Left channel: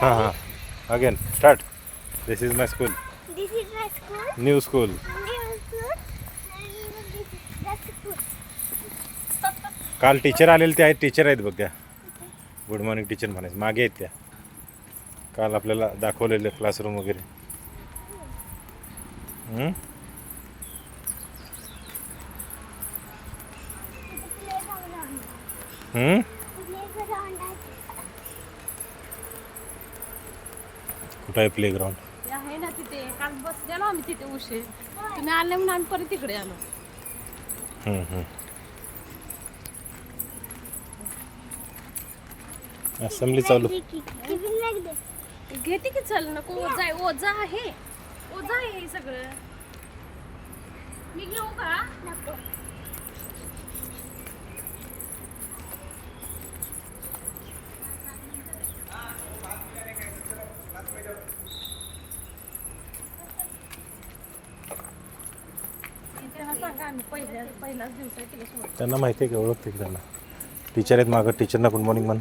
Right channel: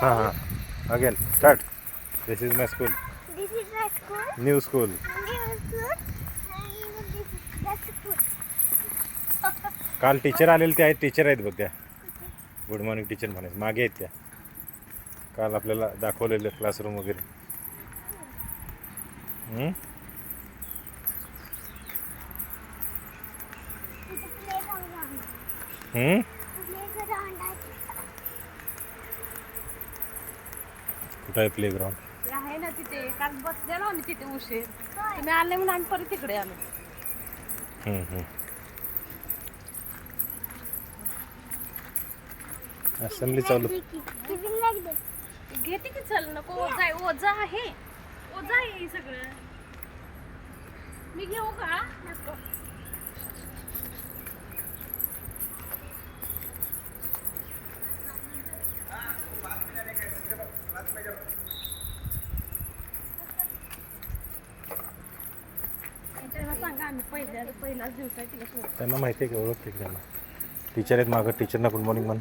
हां हां again start. This is my school. This is my school. New school. New school. And this is the school. काल teacher आलेले ते आहेत, teacher आहेत बघ त्या. गुड मॉर्निंग टीचर म्हणायचं मागे आहेत त्या. काल आपल्याला दाखवलेलं क्लासरूम वगैरे. It's a playground. Playground. कुठं आहे प्लेग्राऊंड? ते आहे ना तिथे. काल बसलेलो आम्ही तिथे उशीर. तुम्ही आले म्हणून आम्ही परत तिकडे आलो. असेंब्ली चालू. Giving like this. घेते की चल नको ओझा आहे. ओझा आहे. ओझा आहे हे सगळं. मी घेऊ का? नको. त्यांना सांगा आम्ही पहिलाच दिवस आहे तिला सोड. त्यांना माहिती आहे की ओळखते की त्यांना. टीचर आहेत मागं. टीचरना गुड मॉर्निंग म्हण.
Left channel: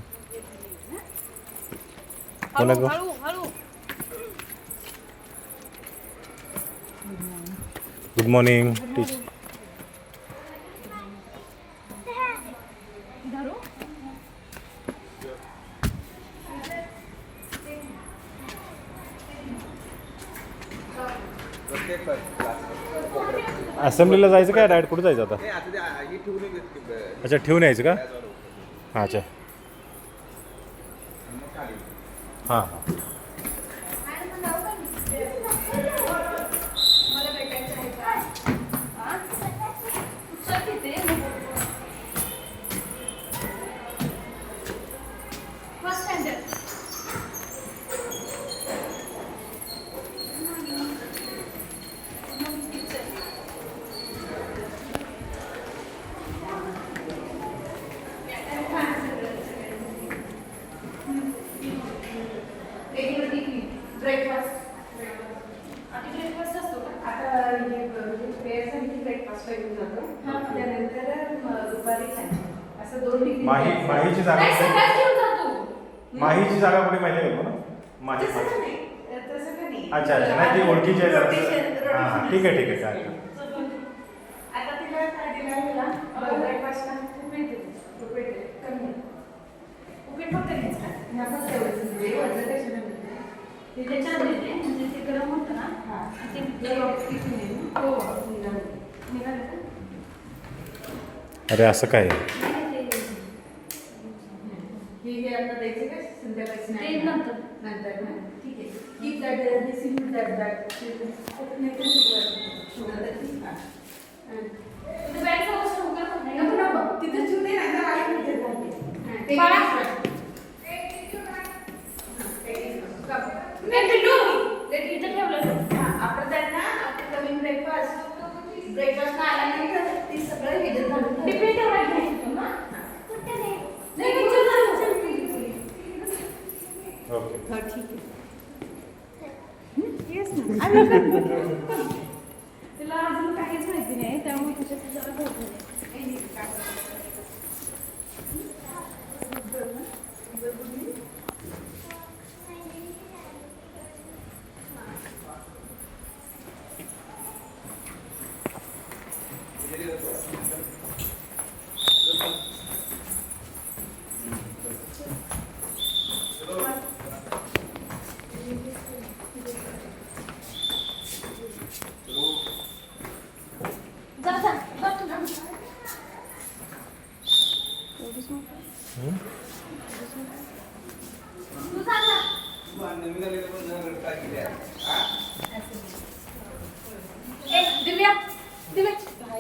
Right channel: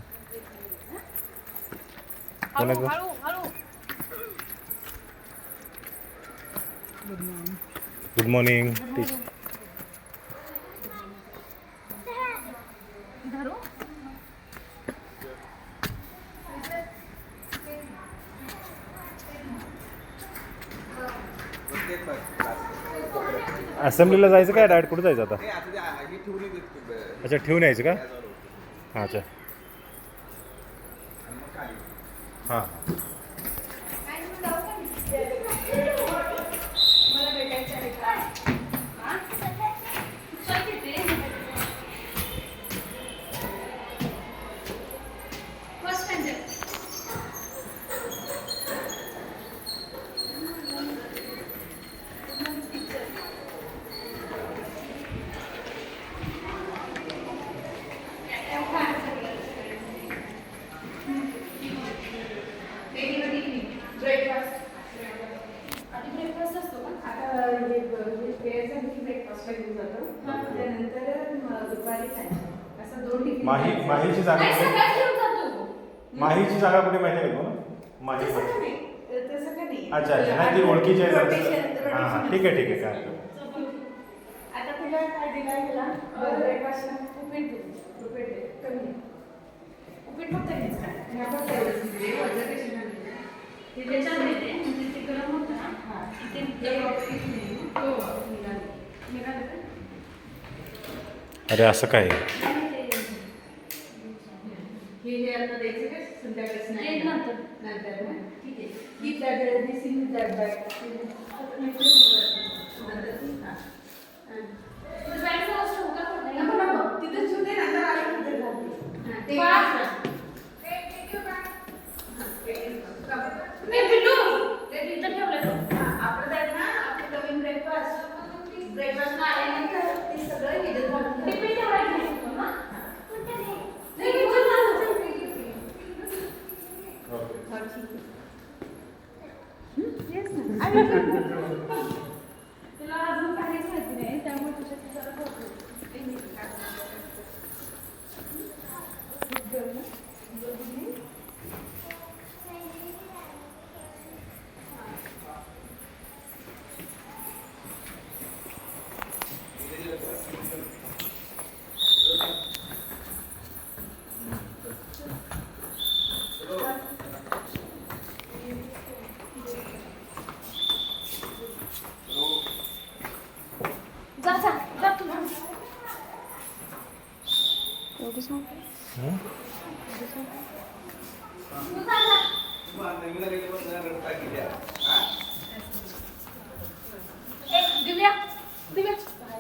कोणा गो? हळू हळू. Good morning teacher. धरू. असेंब्लीला जायचं काय डायरेक्ट कुठं जायचं आता? अच्छा ठेवून यायचं का? हां अच्छा हां हां. माहीची जागा कुठे? माहीची जागा कुठे माहिती आहे का तुम्हाला? माही. अच्छा अच्छा नाही ती ओळखीची आहे. हां हां ठीक आहे ठीक आहे काय आता तिला काय दिला ब्रेकफास्ट उपीट फक्त घ्यायचं ते त्याच्यात देते म्हणजे ते गरम होतं ना ते हो निघालं का? अरे असं काय? हे आता द्यायचं का संध्याकाळी नंतर ना ठीक आहे. Keep that this in that bag. तिथं ठेवून दे नंतर आले की ते ब्रेकफास्ट आल्यानंतर ते सगळं विजत झालं. टिफिन तेवढा घ्यायचं ना. तिला अजून काहीच माहिती नाही त्यामुळे तुझ्याशी जरा बोलतो.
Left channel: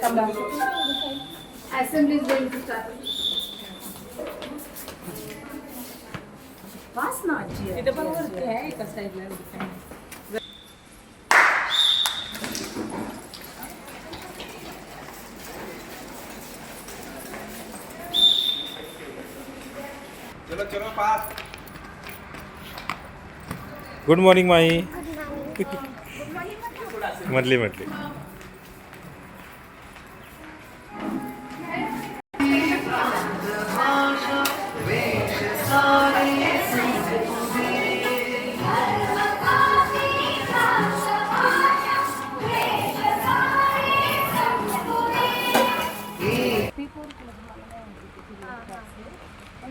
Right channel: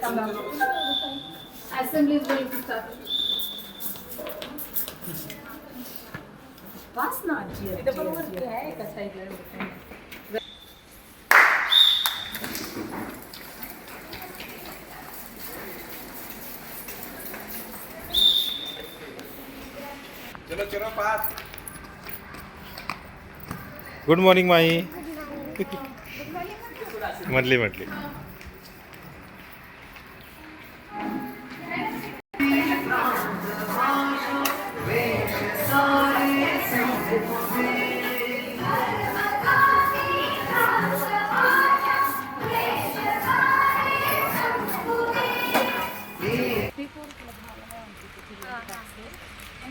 Come back. Assembly is going to start. वासना आजी आहे. इथं पण वरती आहे एका साईडला. गुड मॉर्निंग माही. Good morning. म्हटली.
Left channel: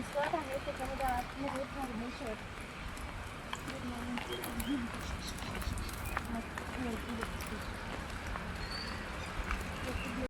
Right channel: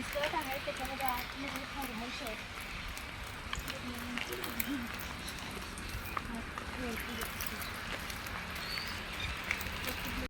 स्कर्ट आहे त्याच्यामध्ये आतमध्ये फॉर्मल शर्ट